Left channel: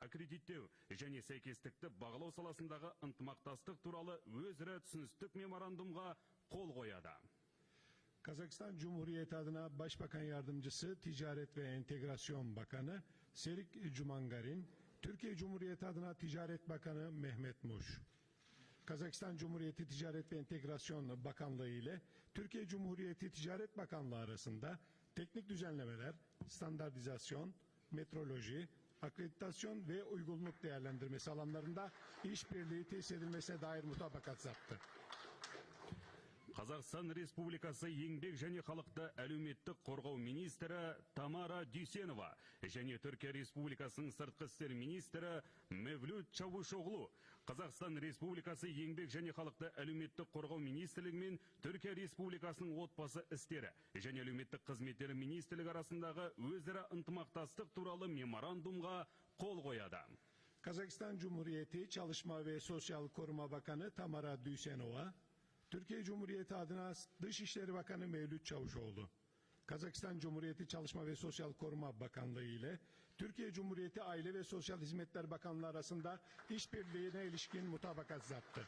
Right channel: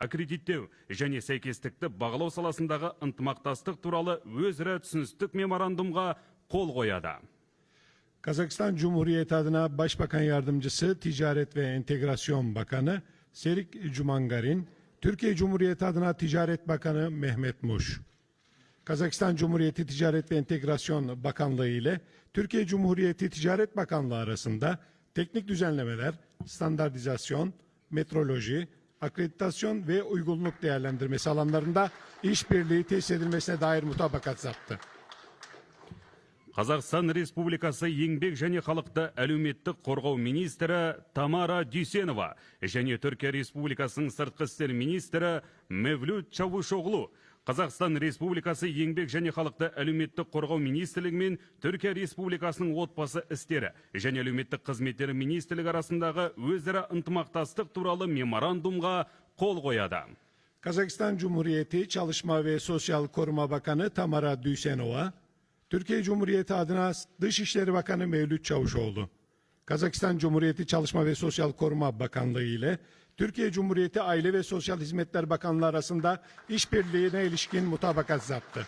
аккредиттеу және сәйкестікті бағалау саласындағы ынтымақтастық туралы өзара түсіністік меморандумға қол қояды Kazakistan Cumhuriyeti adına Başbakan Yardımcısı Ticaret ve Entegrasyon Bakanı Serik Cumangarin, Türkiye Cumhuriyeti adına Ticaret Bakanı Mehmet Muş. Kazakistan Cumhuriyeti Ticaret ve Entegrasyon Bakanlığı ile Türkiye Cumhuriyeti Ticaret Bakanlığı arasında teknik düzenlemeler, standartizasyon, metroloji, akreditasyon ve uygunluk değerlendirmesi alanlarında işbirliği tesis edilmesine dair mutabakat zaptı. Қазақстан Республикасы еңбек және халықты әлеуметтік қорғау министрі Тамара Дүйсенова және Түркия Республикасының сыртқы істер министрі Мевлют Чавушоғлу Қазақстан Республикасы еңбек және халықты әлеуметтік қорғау министрлігі мен Түркия Республикасының отбасы істері және әлеуметтік қызметтері министрлігі арасындағы өзара ынтымақтастық туралы меморандумға қол қояды. Kazakistan Cumhuriyeti Çalışma ve Sosyal Koruma Bakanı Tamara Düsenova, Türkiye Cumhuriyeti adına Dışişleri Cumhuriyeti Çalışma ve Sosyal Koruma Bakanlığı ile Türkiye Cumhuriyeti Aile ve Sosyal Hizmetler Bakanlığı arasında işbirliğine ilişkin mutabakat zaptı.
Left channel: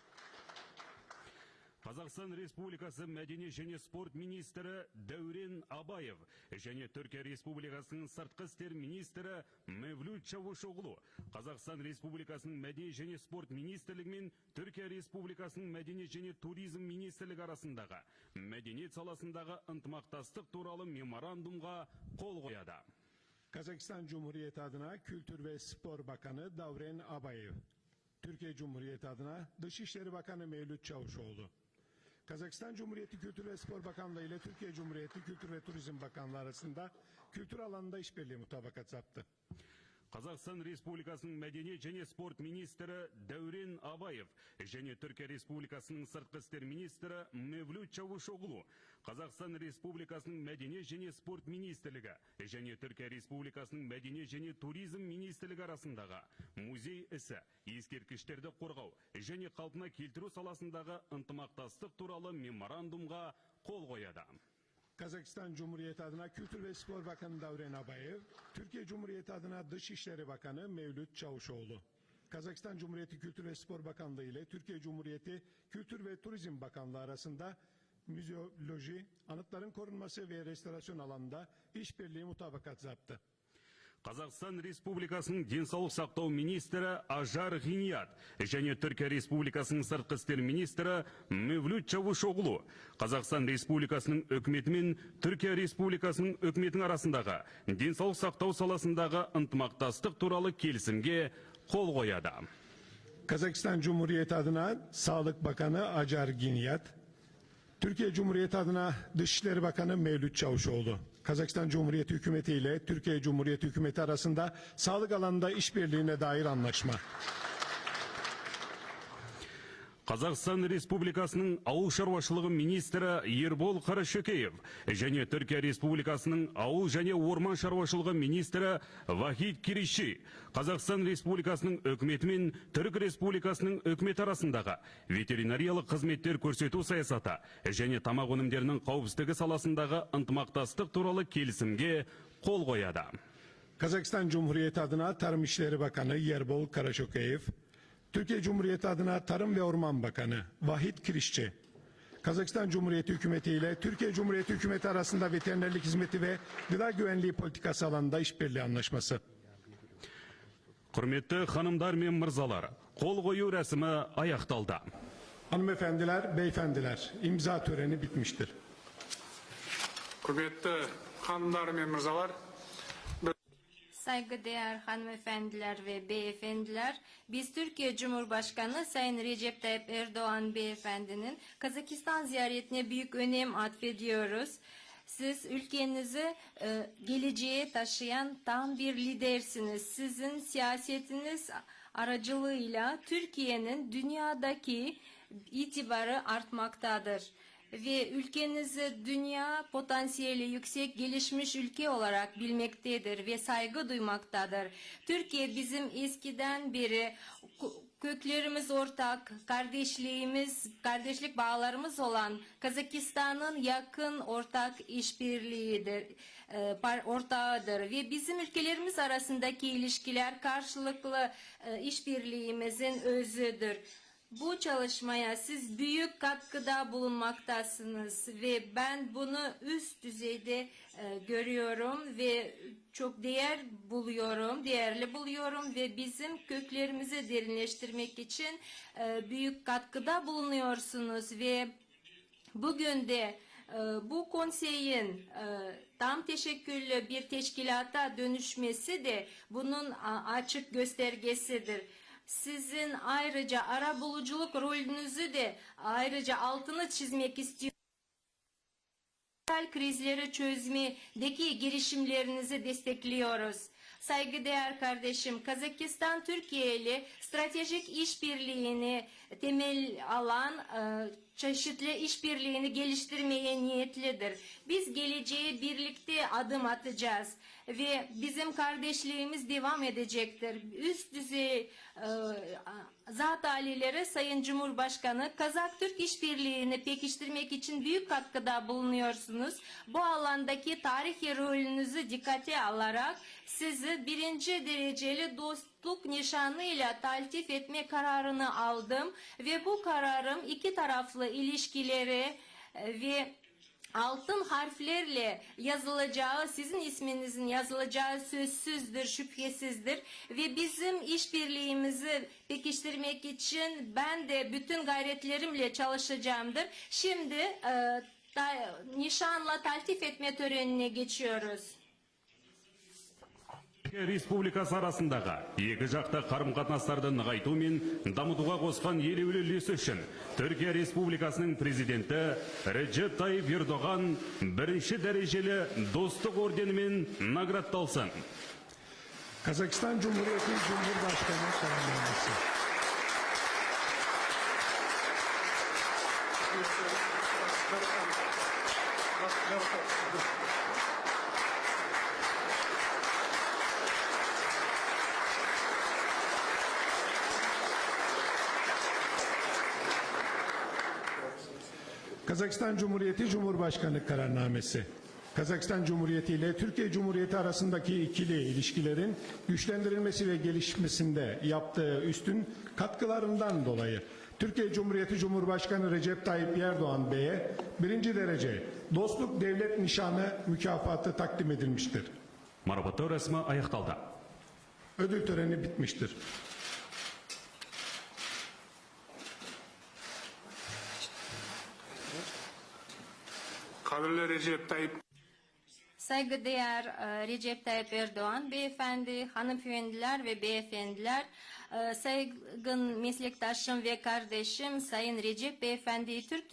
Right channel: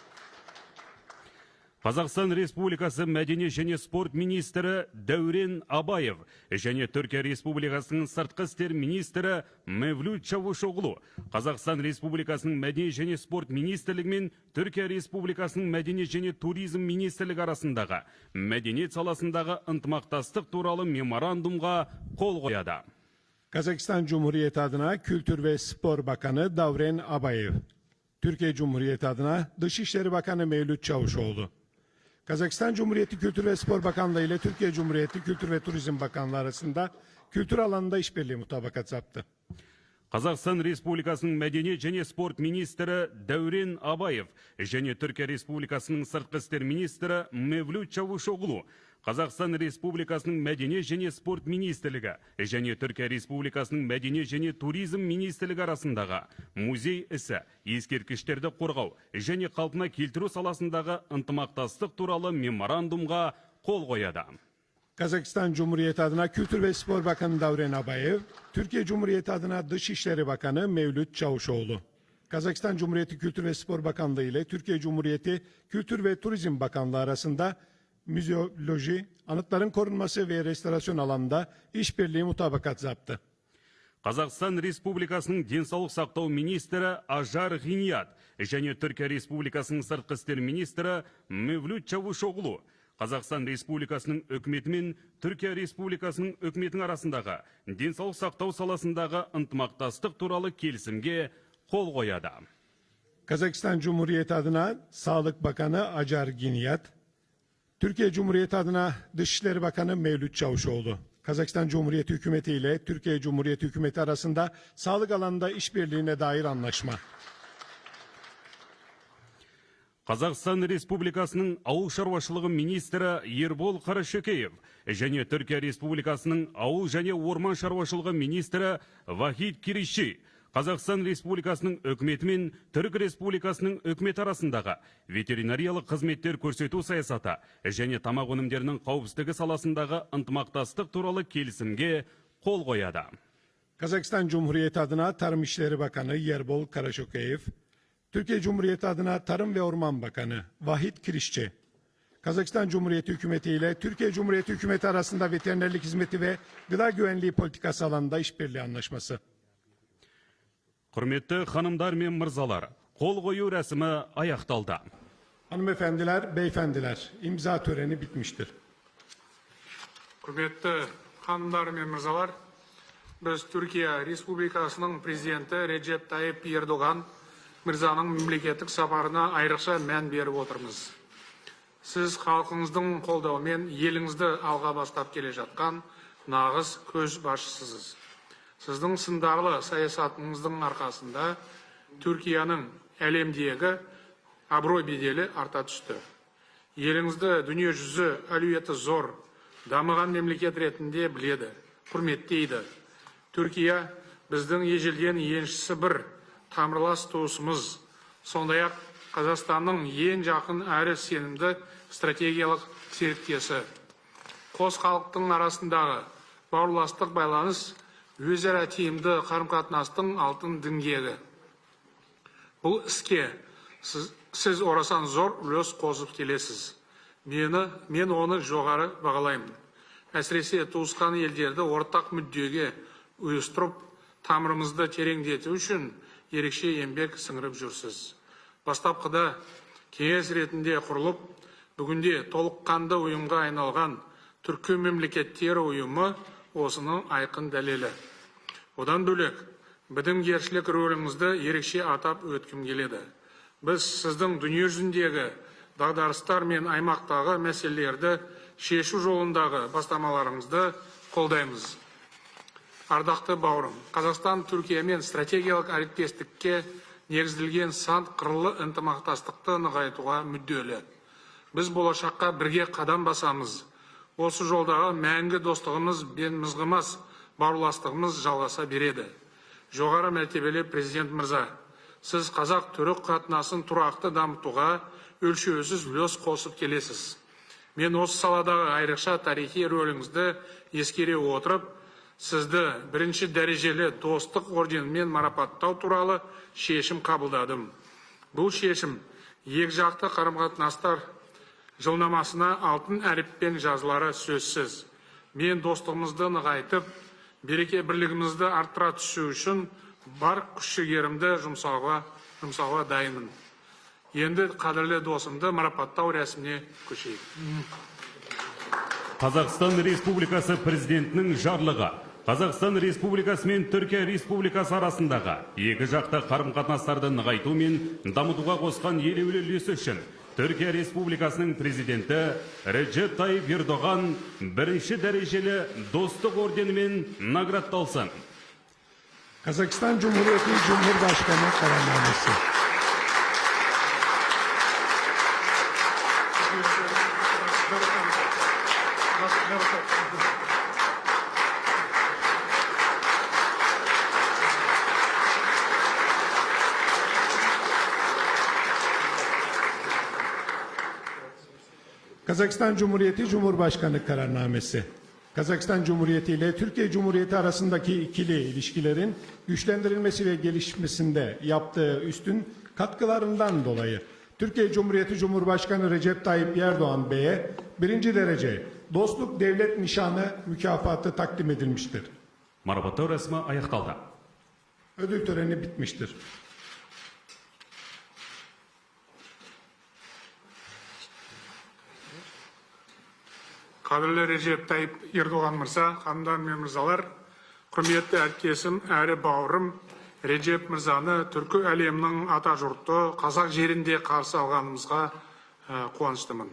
Қазақстан Республикасы мәдениет және спорт министрі Дәурен Абаев және Түркия Республикасының сыртқы істер министрі Мевлют Чавушоғлу Қазақстан Республикасының мәдениет және спорт министрлігі мен Түркия Республикасының мәдениет және туризм министрлігі арасындағы мәдениет саласындағы ынтымақтастық туралы меморандумға қол қояды. Kazakistan Cumhuriyeti adına Kültür ve Spor Bakanı Davren Abayev, Türkiye Cumhuriyeti adına Dışişleri Bakanı Mevlüt Çavuşoğlu, Kazakistan Cumhuriyeti Kültür ve Spor Bakanlığı ile Türkiye Cumhuriyeti Kültür ve Turizm Bakanlığı arasında kültür alanında işbirliği mutabakat zaptı. Қазақстан Республикасының мәдениет және спорт министрі Дәурен Абаев және Түркия Республикасының сыртқы істер министрі Мевлют Чавушоғлу Қазақстан Республикасының мәдениет және спорт министрлігі және Түркия Республикасының мәдениет және туризм министрлігі арасындағы музей ісі, ескерткіштерді қорғау және қалпына келтіру саласындағы ынтымақтастық туралы меморандумға қол қояды. Cumhuriyeti adına Kültür ve Spor Bakanı Davren Abayev, Türkiye Cumhuriyeti adına Dışişleri Bakanı Mevlüt Çavuşoğlu. Kazakistan Cumhuriyeti Kültür ve Spor Bakanlığı ile Türkiye Cumhuriyeti Kültür ve Turizm Bakanlığı arasında müzeoloji, anıtların korunması ve restorasyon alanında işbirliği mutabakat zaptı. Қазақстан Республикасының денсаулық сақтау министрі Ажар Ғиният және Түркия Республикасының сыртқы істер министрі Мевлют Чавушоғлу Қазақстан Республикасының үкіметі мен Түркия Республикасының үкіметінің арасындағы денсаулық сақтау саласындағы ынтымақтастық туралы келісімге қол қояды. Kazakistan Cumhuriyeti adına Sağlık Bakanı Acar Giniyat, Türkiye Cumhuriyeti adına Dışişleri Bakanı Mevlüt Çavuşoğlu. Kazakistan Cumhuriyeti Hükümeti ile Türkiye Cumhuriyeti Hükümeti arasında sağlık alanında işbirliğine dair anlaşma. Қазақстан Республикасының ауыл шаруашылығы министрі Ербол Қарашөкеев және Түркия Республикасының ауыл және орман шаруашылығы министрі Вахид Кириши Қазақстан Республикасының үкіметі мен Түрік Республикасының үкіметі арасындағы ветеринариялық қызметтер көрсету саясаты және тамақ өнімдерінің қауіпсіздігі саласындағы ынтымақтастық туралы келісімге қол қояды. Kazakistan Cumhuriyeti adına Tarım İşleri Bakanı Yerbol Karaşokeyev, Türkiye Cumhuriyeti adına Tarım ve Orman Bakanı Vahit Kirişçi, Kazakistan Cumhuriyeti Hükümeti ile Türkiye Cumhuriyeti Hükümeti arasında veterinerlik hizmeti ve gıda güvenliği politikası alanında işbirliği anlaşması. Құрметті ханымдар мен мырзалар, қол қою рәсімі аяқталды. Hanımefendiler, beyefendiler, imza töreni bitmiştir. құрметті ханымдар мен мырзалар біз түркия республикасының президенті реджеп тайып ердоған мырзаның мемлекеттік сапарына айрықша мән беріп отырмыз сіз халқыңыздың қолдауымен еліңізді алға бастап келе жатқан нағыз көшбасшысыз сіздің сындарлы саясатыңыздың арқасында түркияның әлемдегі абырой беделі арта түсті еліңізді дүниежүзі әлеуеті зор дамыған мемлекет ретінде біледі құрметтейді түркия біздің ежелден еншісі бір тамырлас туысымыз сондай ақ қазақстанның ең жақын әрі сенімді стратегиялық серіктесі қос халықтың арасындағы бауырластық байланыс өзара тиімді қарым-қатынастың алтын діңгегі бұл іске сіз, сіз орасан зор үлес қосып келесіз мені мен оны жоғары бағалаймын әсіресе туысқан елдерді ортақ мүддеге ұйыстырып тамырымызды тереңдету үшін ерекше еңбек сіңіріп жүрсіз. Бастапқыда кеңес ретінде құрылып бүгінде толыққанды ұйымға айналған түркі мемлекеттері ұйымы осының айқын дәлелі. Одан бөлек бітімгершілік рөліңізді ерекше атап өткім келеді. Біз сіздің дүниежүзіндегі дағдарыстар мен аймақтағы мәселелерді шешу жолындағы бастамаларыңызды қолдаймыз. ардақты бауырым қазақстан түркиямен стратегиялық әріптестікке негізделген сан қырлы ынтымақтастықты нығайтуға мүдделі. Біз болашаққа бірге қадам басамыз. осы жолдағы мәңгі достығымыз бен мызғымас бауырластығымыз жалғаса береді. жоғары мәртебелі президент мырза сіз қазақ түрік қатынасын тұрақты дамытуға өлшеусіз үлес қосып келесіз. мен осы саладағы айрықша тарихи рөліңізді ескере отырып сізді бірінші дәрежелі достық орденімен марапаттау туралы шешім қабылдадым. бұл шешім екіжақты қарым-қатынастар жылнамасына алтын әріппен жазылары сөзсіз. мен достығымызды нығайтып береке бірлігімізді арттыра түсу үшін бар күш жігерімді жұмсауға жұмсауға дайынмын. енді қадірлі досымды марапаттау рәсіміне Қазақстан Республикасы президентінің жарлығы Қазақстан Республикасы мен Түркия Республикасы арасындағы екі жақты қарым-қатынастарды нығайту мен дамытуға қосқан елеулі үлесі үшін Түркия Республикасының президенті Реджеп Тайып Ердоған бірінші дәрежелі достық орденімен наградталсын. Kazakistan Cumhuriyeti Cumhurbaşkanı kararnamesi. Kazakistan Cumhuriyeti Cumhurbaşkanı kararnamesi. Kazakistan Cumhuriyeti ile Türkiye Cumhuriyeti arasındaki ikili ilişkilerin güçlendirilmesi ve gelişmesinde yaptığı üstün katkılarından dolayı Türkiye Cumhuriyeti Cumhurbaşkanı Recep Tayyip Erdoğan Bey'e birinci derece Dostluk Devlet Nişanı mükafatı takdim edilmiştir. Marabatı resmi ayakkaldı. Ödül töreni bitmiştir. Қадірлі режеп тайып ердоған мырза ханымдар мен мырзалар құрметті әріптесім әрі бауырым режеп мырзаны түркі әлемінің атажұрты қазақ жерінде қарсы алғанымызға қуаныштымын.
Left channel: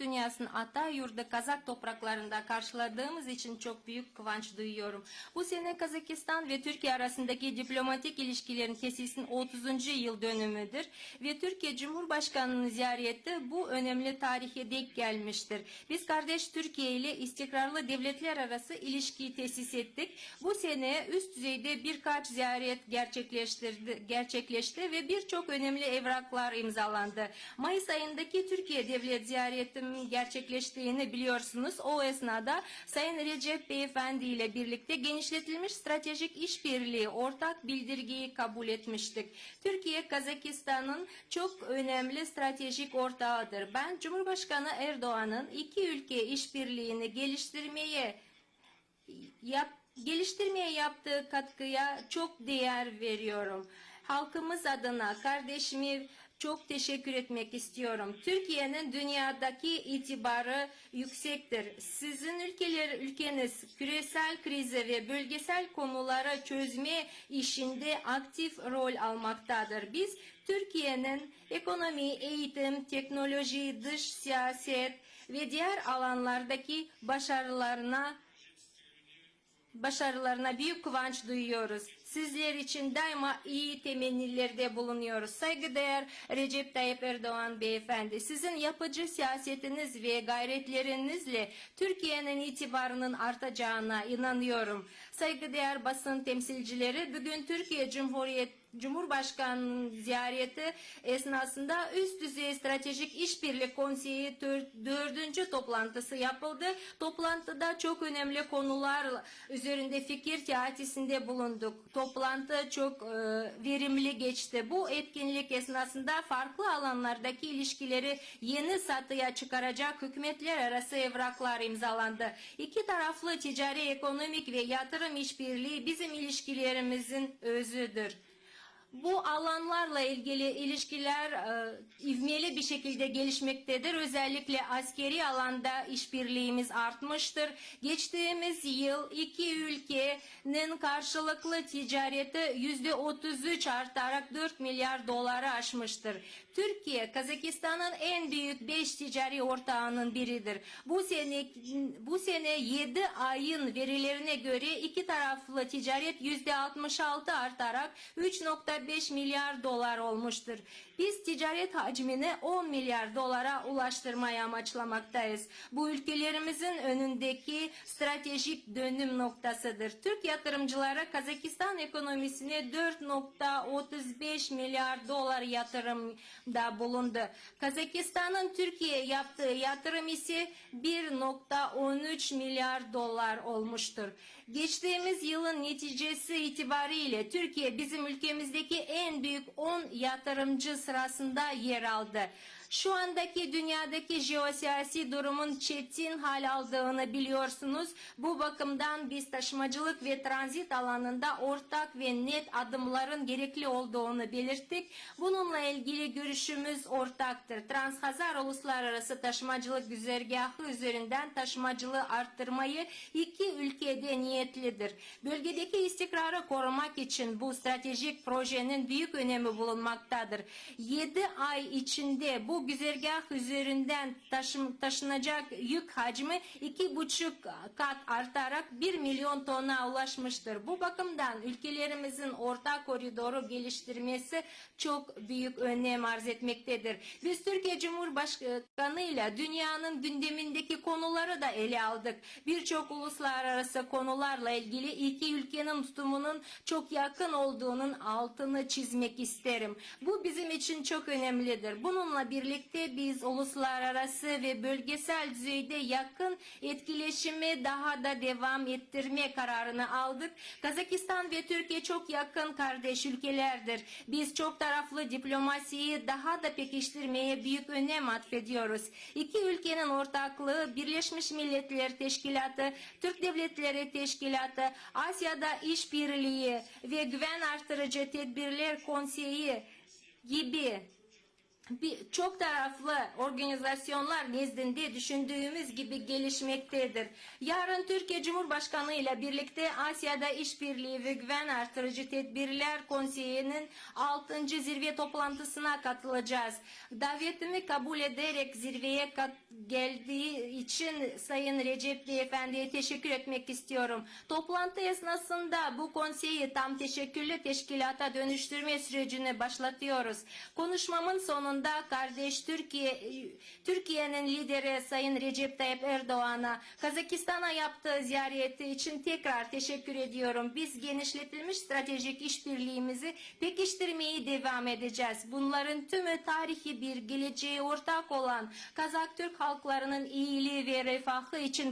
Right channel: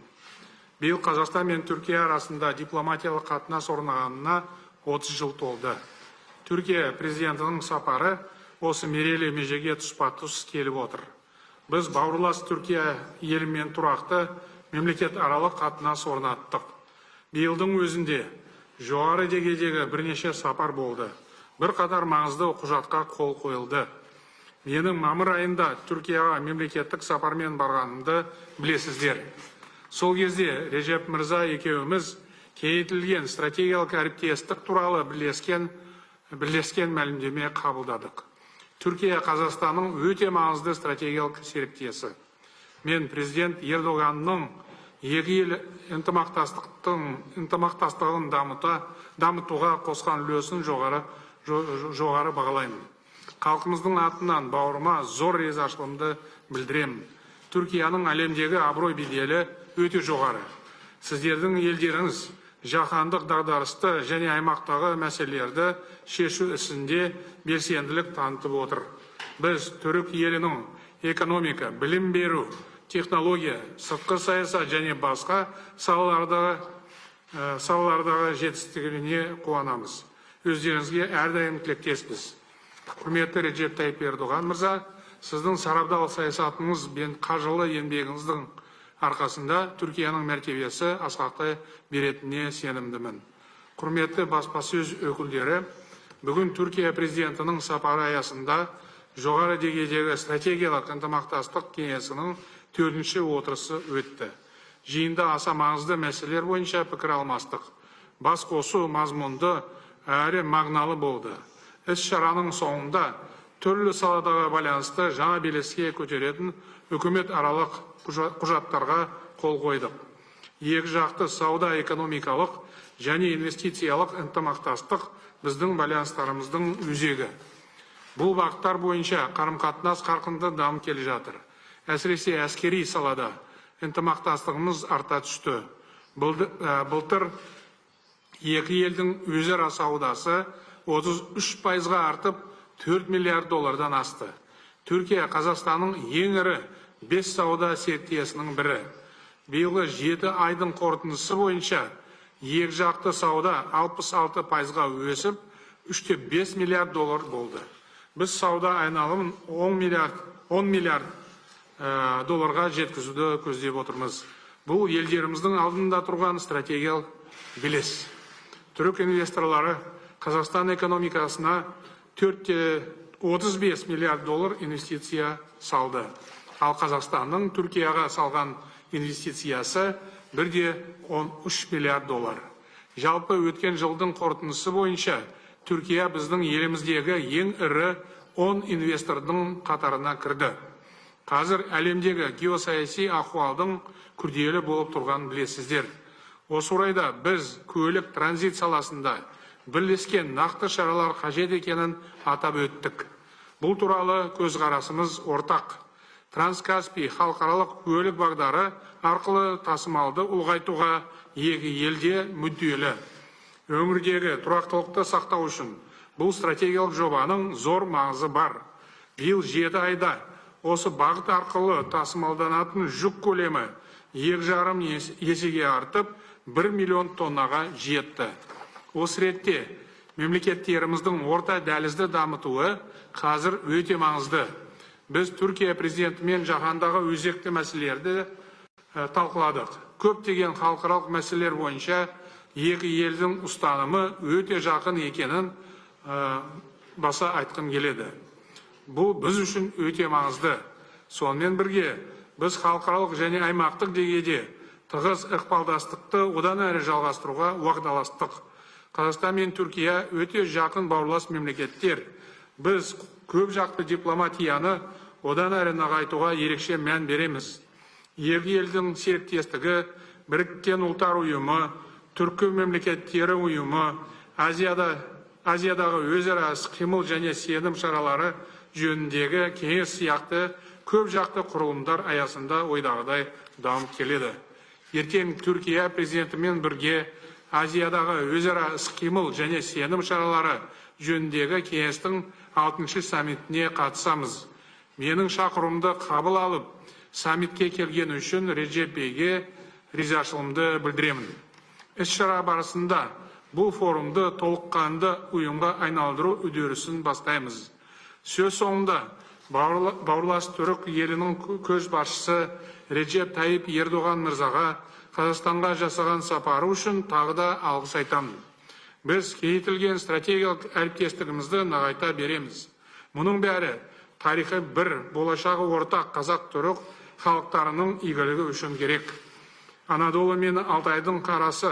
Биыл қазақстан мен түркия арасында дипломатиялық қатынас орнағанына 30 жыл толды түркия президентінің сапары осы мерейлі межеге тұспа тұс келіп отыр. Біз бауырлас түркия елімен тұрақты мемлекет аралық қатынас орнаттық. Биылдың өзінде жоғары деңгейдегі бірнеше сапар болды. Бір қатар маңызды құжатқа қол қойылды. Менің мамыр айында түркияға мемлекеттік сапармен барғанымды білесіздер. Сол кезде режеп мырза екеуміз кеңейтілген стратегиялық әріптестік туралы бірлескен бірлескен мәлімдеме қабылдадық түркия қазақстанның өте маңызды стратегиялық серіктесі. мен президент ердоғанның екі ел ынтымақтастығын дамыта дамытуға қосқан үлесін жоғары жо- жоғары бағалаймын. халқымыздың атынан бауырыма зор ризашылығымды білдіремін. түркияның әлемдегі абырой беделі өте жоғары. Сіздердің елдеріңіз жаһандық дағдарысты және аймақтағы мәселелерді шешу ісінде белсенділік танытып отыр. Біз түрік елінің экономика білім беру технология сыртқы саясат және басқа салалардағы салалардағы жетістігіне қуанамыз. Өздеріңізге әрдайым тілектеспіз. Құрметті режеп тайып ердоған мырза сіздің сарабдал саясатыңыз бен қажырлы еңбегіңіздің арқасында түркияның мәртебесі асқақтай беретініне сенімдімін. Құрметті баспасөз өкілдері бүгін түркия президентінің сапары аясында жоғары деңгейдегі стратегиялық ынтымақтастық кеңесінің төртінші отырысы өтті. жиында аса маңызды мәселелер бойынша пікір алмастық. бас қосу мазмұнды әрі мағыналы болды. іс шараның соңында түрлі саладағы байланысты жаңа белеске көтеретін үкімет аралық құжаттарға қол қойдық. екі жақты сауда экономикалық және инвестициялық ынтымақтастық біздің байланыстарымыздың өзегі. бұл бағыттар бойынша қарым қатынас қарқынды дамып келе жатыр. әсіресе әскери салада ынтымақтастығымыз арта түсті. былтыр екі елдің өзара саудасы 33 пайызға артып 4 миллиард доллардан асты түркия қазақстанның ең ірі бес сауда серіктесінің бірі биылғы жеті айдың қорытындысы бойынша екі жақты сауда 66 пайызға өсіп үште бес миллиард доллар болды біз сауда айналымын 10 миллиард 10 миллиард долларға жеткізуді көздеп отырмыз бұл елдеріміздің алдында тұрған стратегиялық белес түрік инвесторлары қазақстан экономикасына 35 миллиард доллар инвестиция салды ал қазақстанның түркияға салған инвестициясы бірде 13 миллиард доллар. жалпы өткен жылдың қорытындысы бойынша түркия біздің еліміздегі ең ірі 10 инвестордың қатарына кірді. қазір әлемдегі геосаяси ахуалдың күрделі болып тұрғанын білесіздер осы орайда біз көлік транзит саласында бірлескен нақты шаралар қажет екенін атап өттік. бұл туралы көзқарасымыз ортақ. Транскаспий халықаралық көлік бағдары арқылы тасымалды ұлғайтуға екі елде мүдделі. Өңірдегі тұрақтылықты сақтау үшін бұл стратегиялық жобаның зор маңызы бар. Биыл жеті айда осы бағыт арқылы тасымалданатын жүк көлемі екі жарым есеге артып бір миллион тоннаға жетті. Осы ретте мемлекеттеріміздің орта дәлізді дамытуы қазір өте маңызды. Біз түркия президентімен жаһандағы өзекті мәселелерді талқыладық көптеген халықаралық мәселелер бойынша екі елдің ұстанымы өте жақын екенін баса айтқым келеді. бұл біз үшін өте маңызды. сонымен бірге біз халықаралық және аймақтық деңгейде тығыз ықпалдастықты одан әрі жалғастыруға уағдаластық. қазақстан мен түркия өте жақын бауырлас мемлекеттер. біз көп жақты дипломатияны одан әрі нығайтуға ерекше мән береміз. екі елдің серіктестігі біріккен ұлттар ұйымы түркі мемлекеттері ұйымы азияда азиядағы өзара іс қимыл және сенім шаралары жөніндегі кеңес сияқты көп жақты құрылымдар аясында ойдағыдай дамып келеді. ертең түркия президентімен бірге азиядағы өзара іс қимыл және сенім шаралары жөніндегі кеңестің алтыншы саммитіне қатысамыз. менің шақыруымды қабыл алып саммитке келген үшін реджепейге ризашылығымды білдіремін. Іс шара барысында бұл форумды толыққанды ұйымға айналдыру үдерісін бастаймыз. Сөз соңында бауырлас түрік елінің көшбасшысы реджеп тайып ердоған мырзаға қазақстанға жасаған сапары үшін тағы да алғыс айтамын. Біз кеңейтілген стратегиялық әріптестігімізді нығайта береміз. Мұның бәрі тарихы бір болашағы ортақ қазақ түрік халықтарының игілігі үшін керек. анадолы мен алтайдың қарасы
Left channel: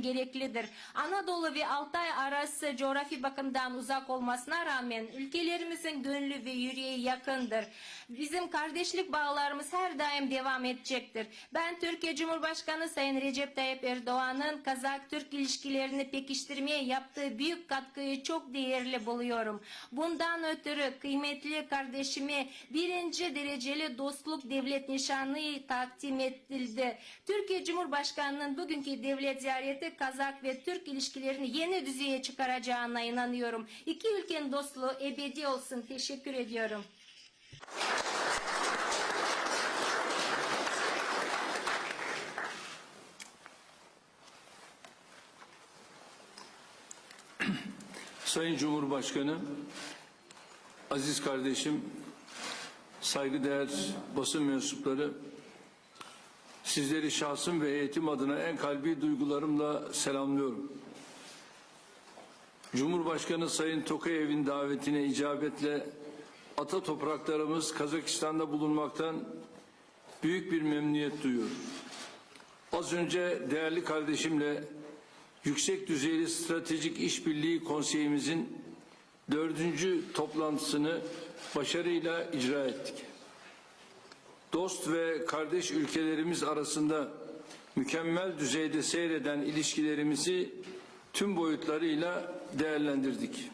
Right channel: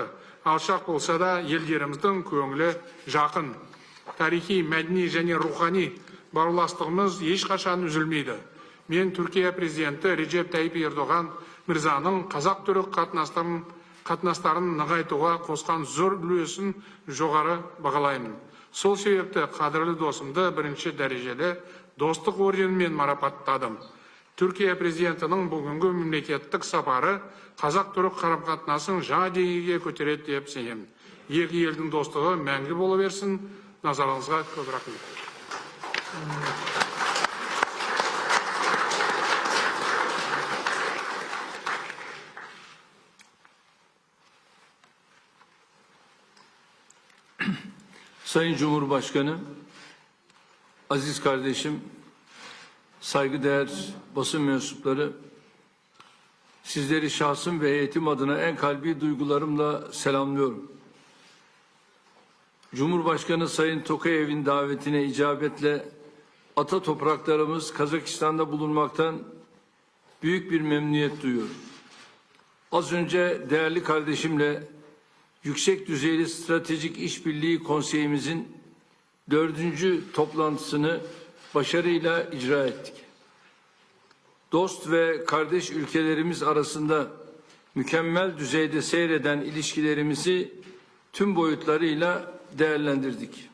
алшақ болса да елдеріміздің көңілі жақын. тарихи мәдени және рухани бауырластығымыз ешқашан үзілмейді. мен түркия президенті реджеп тайип ердоған мырзаның қазақ түрік қатынастарын нығайтуға қосқан зор үлесін жоғары бағалаймын. Сол себепті қадірлі досымды бірінші дәрежелі достық орденімен марапаттадым. Түркия президентінің бүгінгі мемлекеттік сапары қазақ түрік қарым қатынасын жаңа деңгейге көтереді деп сенемін. Екі елдің достығы мәңгі бола берсін. Назарыңызға көп рахмет. Sayın Cumhurbaşkanı, aziz kardeşim, saygıdeğer basın mensupları, sizleri şahsım ve heyetim adına en kalbi duygularımla selamlıyorum. Cumhurbaşkanı Sayın Tokayev'in davetine icabetle ata topraklarımız Kazakistan'da bulunmaktan büyük bir memnuniyet duyuyorum. Az önce değerli kardeşimle Yüksek Düzeyli Stratejik İşbirliği Konseyimizin dördüncü toplantısını başarıyla icra ettik. Dost ve kardeş ülkelerimiz arasında mükemmel düzeyde seyreden ilişkilerimizi tüm boyutlarıyla değerlendirdik.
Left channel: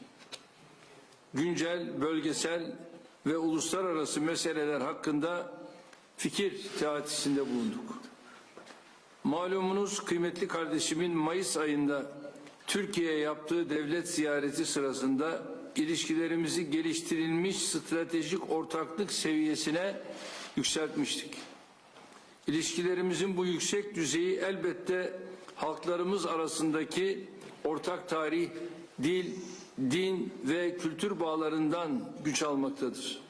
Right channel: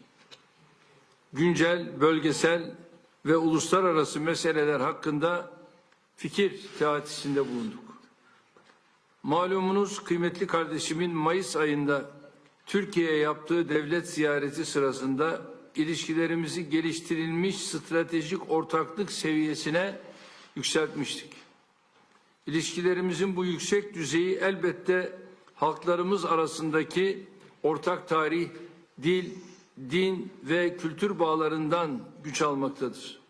Güncel, bölgesel ve uluslararası meseleler hakkında fikir teatisinde bulunduk. Malumunuz kıymetli kardeşimin Mayıs ayında Türkiye'ye yaptığı devlet ziyareti sırasında ilişkilerimizi geliştirilmiş stratejik ortaklık seviyesine yükseltmiştik. İlişkilerimizin bu yüksek düzeyi elbette halklarımız arasındaki ortak tarih, dil, din ve kültür bağlarından güç almaktadır.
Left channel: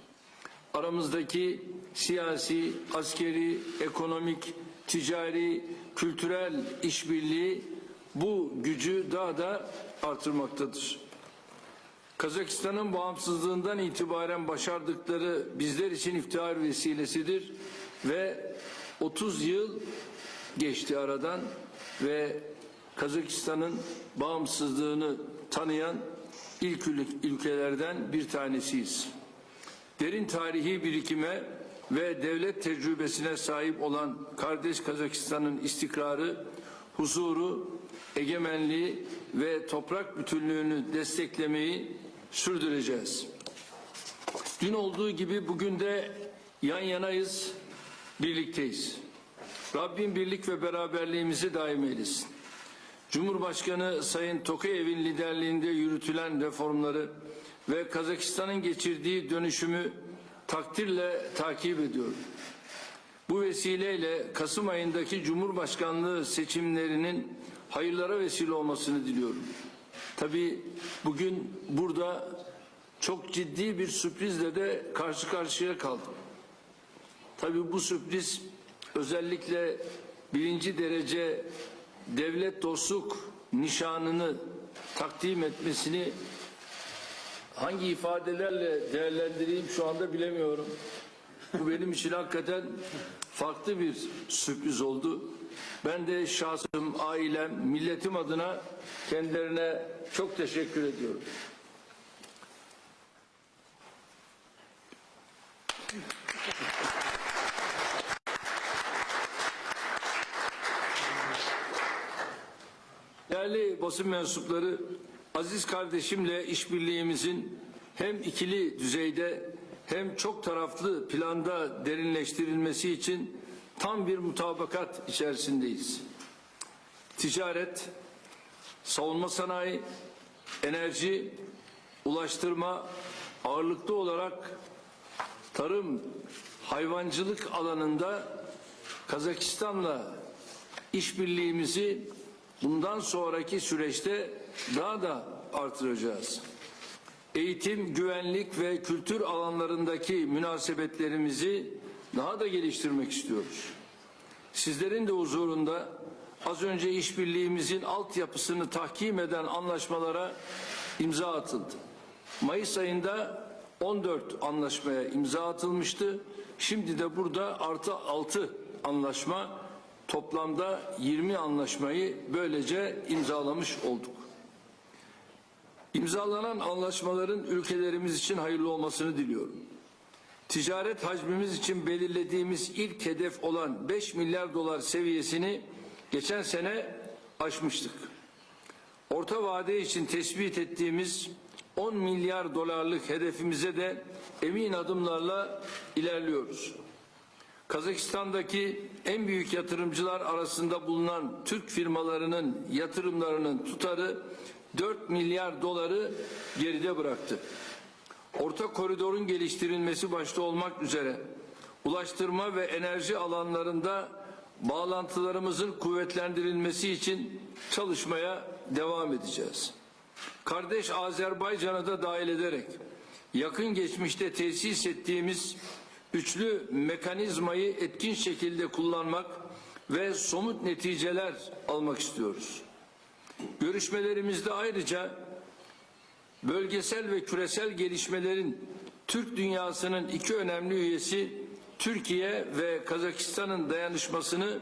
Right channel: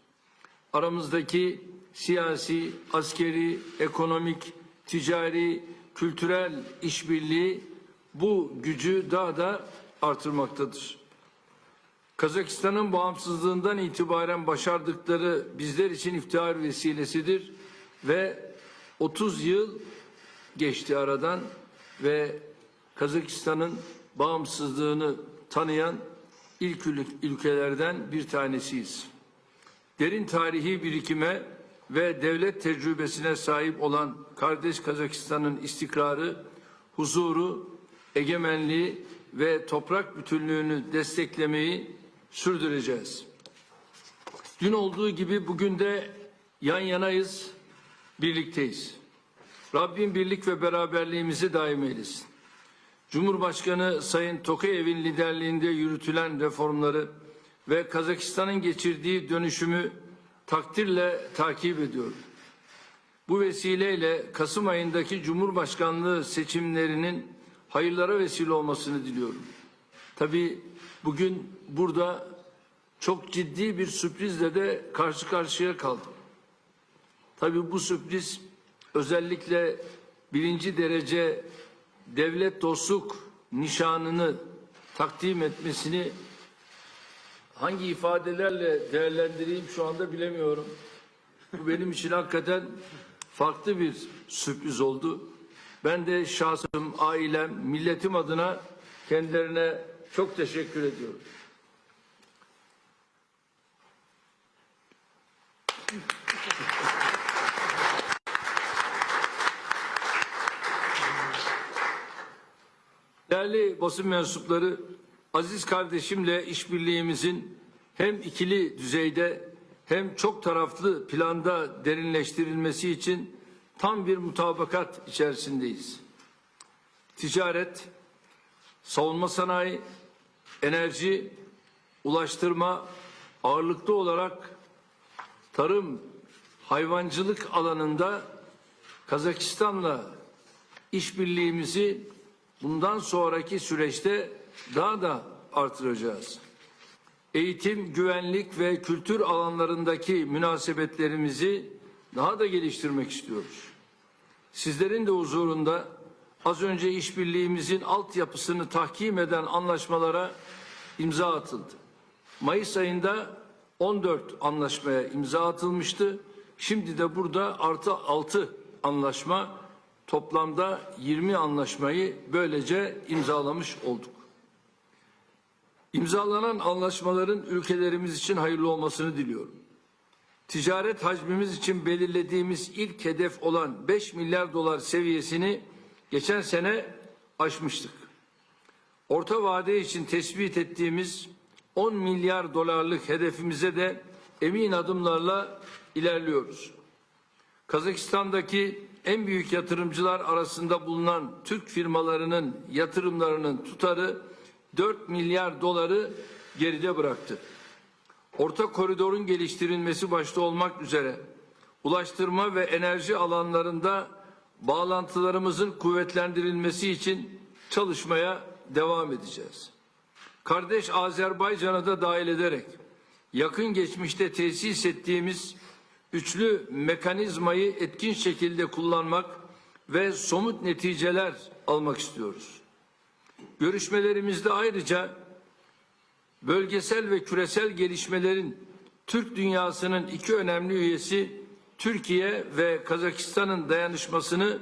Aramızdaki siyasi, askeri, ekonomik, ticari, kültürel işbirliği bu gücü daha da artırmaktadır. Kazakistan'ın bağımsızlığından itibaren başardıkları bizler için iftihar vesilesidir ve 30 yıl geçti aradan ve Kazakistan'ın bağımsızlığını tanıyan ilk ül- ülkelerden bir tanesiyiz. Derin tarihi birikime ve devlet tecrübesine sahip olan kardeş Kazakistan'ın istikrarı, huzuru, egemenliği ve toprak bütünlüğünü desteklemeyi sürdüreceğiz. Dün olduğu gibi bugün de yan yanayız, birlikteyiz. Rabbim birlik ve beraberliğimizi daim eylesin. Cumhurbaşkanı Sayın Tokayev'in liderliğinde yürütülen reformları ve Kazakistan'ın geçirdiği dönüşümü takdirle takip ediyorum. Bu vesileyle Kasım ayındaki Cumhurbaşkanlığı seçimlerinin hayırlara vesile olmasını diliyorum. Tabii bugün burada çok ciddi bir sürprizle de karşı karşıya kaldım. Tabii bu sürpriz özellikle birinci derece devlet dostluk nişanını takdim etmesini hangi ifadelerle değerlendireyim şu anda bilemiyorum. Bu benim için hakikaten farklı bir sürpriz oldu. Ben de şahsım, ailem, milletim adına kendilerine çok teşekkür ediyorum. Değerli basın mensupları, aziz kardeşimle işbirliğimizin hem ikili düzeyde hem çok taraflı planda derinleştirilmesi için tam bir mutabakat içerisindeyiz. Ticaret, savunma sanayi, enerji, ulaştırma ağırlıklı olarak tarım, hayvancılık alanında Kazakistan'la işbirliğimizi bundan sonraki süreçte daha da artıracağız. Eğitim, güvenlik ve kültür alanlarındaki münasebetlerimizi daha da geliştirmek istiyoruz. Sizlerin de huzurunda az önce işbirliğimizin altyapısını tahkim eden anlaşmalara imza atıldı. Mayıs ayında 14 anlaşmaya imza atılmıştı. Şimdi de burada artı 6 anlaşma toplamda 20 anlaşmayı böylece imzalamış olduk. İmzalanan anlaşmaların ülkelerimiz için hayırlı olmasını diliyorum. Ticaret hacmimiz için belirlediğimiz ilk hedef olan 5 milyar dolar seviyesini geçen sene aşmıştık. Orta vade için tespit ettiğimiz 10 milyar dolarlık hedefimize de emin adımlarla ilerliyoruz. Kazakistan'daki en büyük yatırımcılar arasında bulunan Türk firmalarının yatırımlarının tutarı 4 milyar doları geride bıraktı. Orta koridorun geliştirilmesi başta olmak üzere ulaştırma ve enerji alanlarında bağlantılarımızın kuvvetlendirilmesi için çalışmaya devam edeceğiz. Kardeş Azerbaycan'ı da dahil ederek yakın geçmişte tesis ettiğimiz üçlü mekanizmayı etkin şekilde kullanmak ve somut neticeler almak istiyoruz. Görüşmelerimizde ayrıca bölgesel ve küresel gelişmelerin Türk dünyasının iki önemli üyesi Türkiye ve Kazakistan'ın dayanışmasını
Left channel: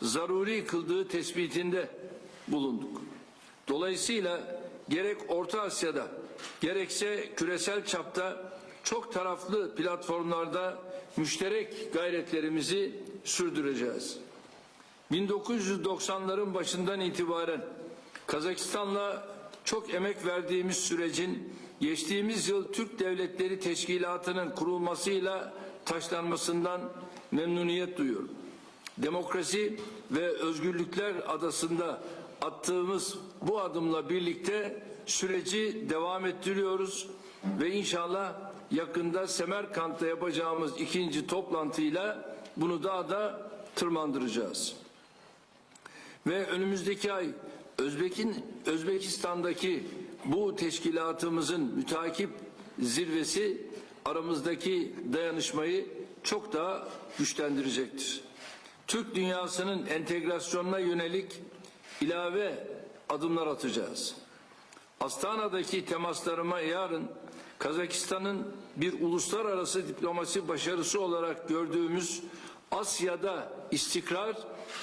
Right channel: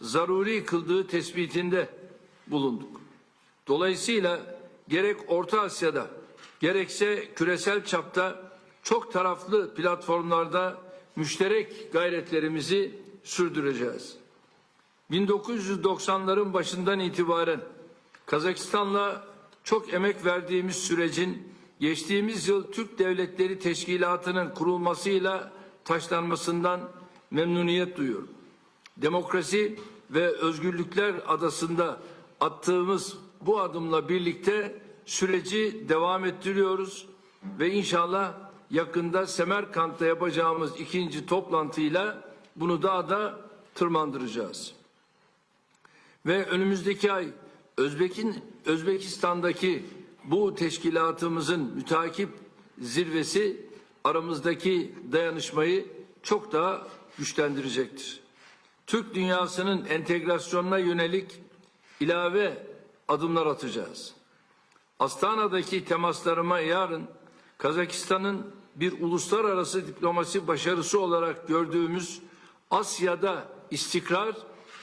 zaruri kıldığı tespitinde bulunduk. Dolayısıyla gerek Orta Asya'da gerekse küresel çapta çok taraflı platformlarda müşterek gayretlerimizi sürdüreceğiz. 1990'ların başından itibaren Kazakistan'la çok emek verdiğimiz sürecin geçtiğimiz yıl Türk Devletleri Teşkilatı'nın kurulmasıyla taşlanmasından memnuniyet duyuyorum. Demokrasi ve özgürlükler adasında attığımız bu adımla birlikte süreci devam ettiriyoruz ve inşallah yakında Semerkant'ta yapacağımız ikinci toplantıyla bunu daha da tırmandıracağız. Ve önümüzdeki ay Özbek'in Özbekistan'daki bu teşkilatımızın mütakip zirvesi aramızdaki dayanışmayı çok daha güçlendirecektir. Türk dünyasının entegrasyonuna yönelik ilave adımlar atacağız. Astana'daki temaslarıma yarın Kazakistan'ın bir uluslararası diplomasi başarısı olarak gördüğümüz Asya'da istikrar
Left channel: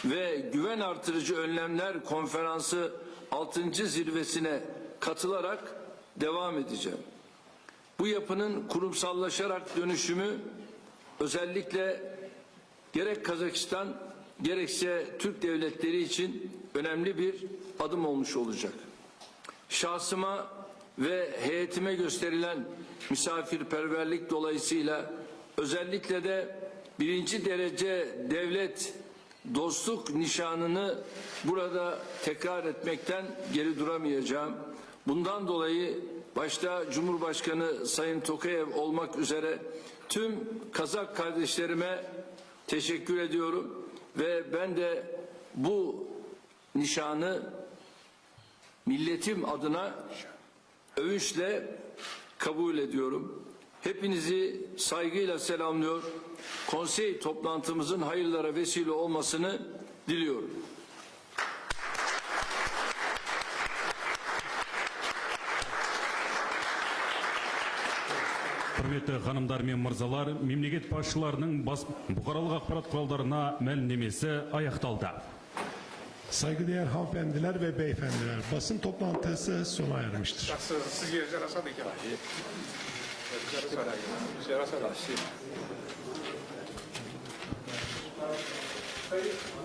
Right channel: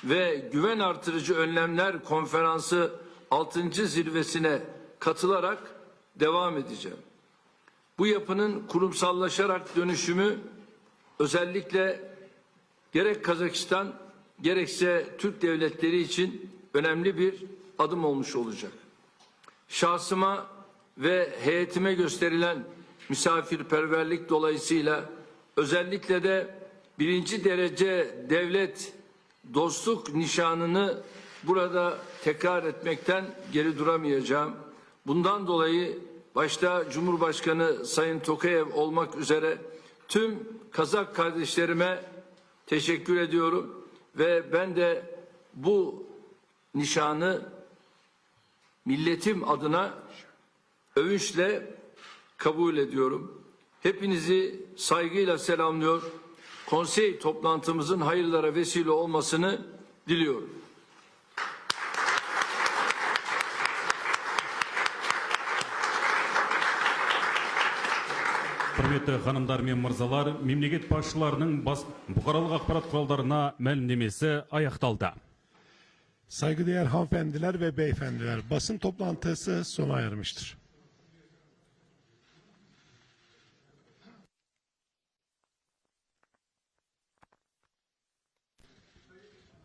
ve güven artırıcı önlemler konferansı 6. zirvesine katılarak devam edeceğim. Bu yapının kurumsallaşarak dönüşümü özellikle gerek Kazakistan gerekse Türk devletleri için önemli bir adım olmuş olacak. Şahsıma ve heyetime gösterilen misafirperverlik dolayısıyla özellikle de birinci derece devlet dostluk nişanını burada tekrar etmekten geri duramayacağım. Bundan dolayı başta Cumhurbaşkanı Sayın Tokayev olmak üzere tüm Kazak kardeşlerime teşekkür ediyorum ve ben de bu nişanı milletim adına övünçle kabul ediyorum. Hepinizi saygıyla selamlıyor Konsey toplantımızın hayırlara vesile olmasını diliyorum. құрметті ханымдар мен мырзалар мемлекет басшыларының бас бұқаралық ақпарат құралдарына мәлімдемесі аяқталды Saygıdeğer hanımefendiler ve beyefendiler, basın toplantısı sona ermiştir. Ready?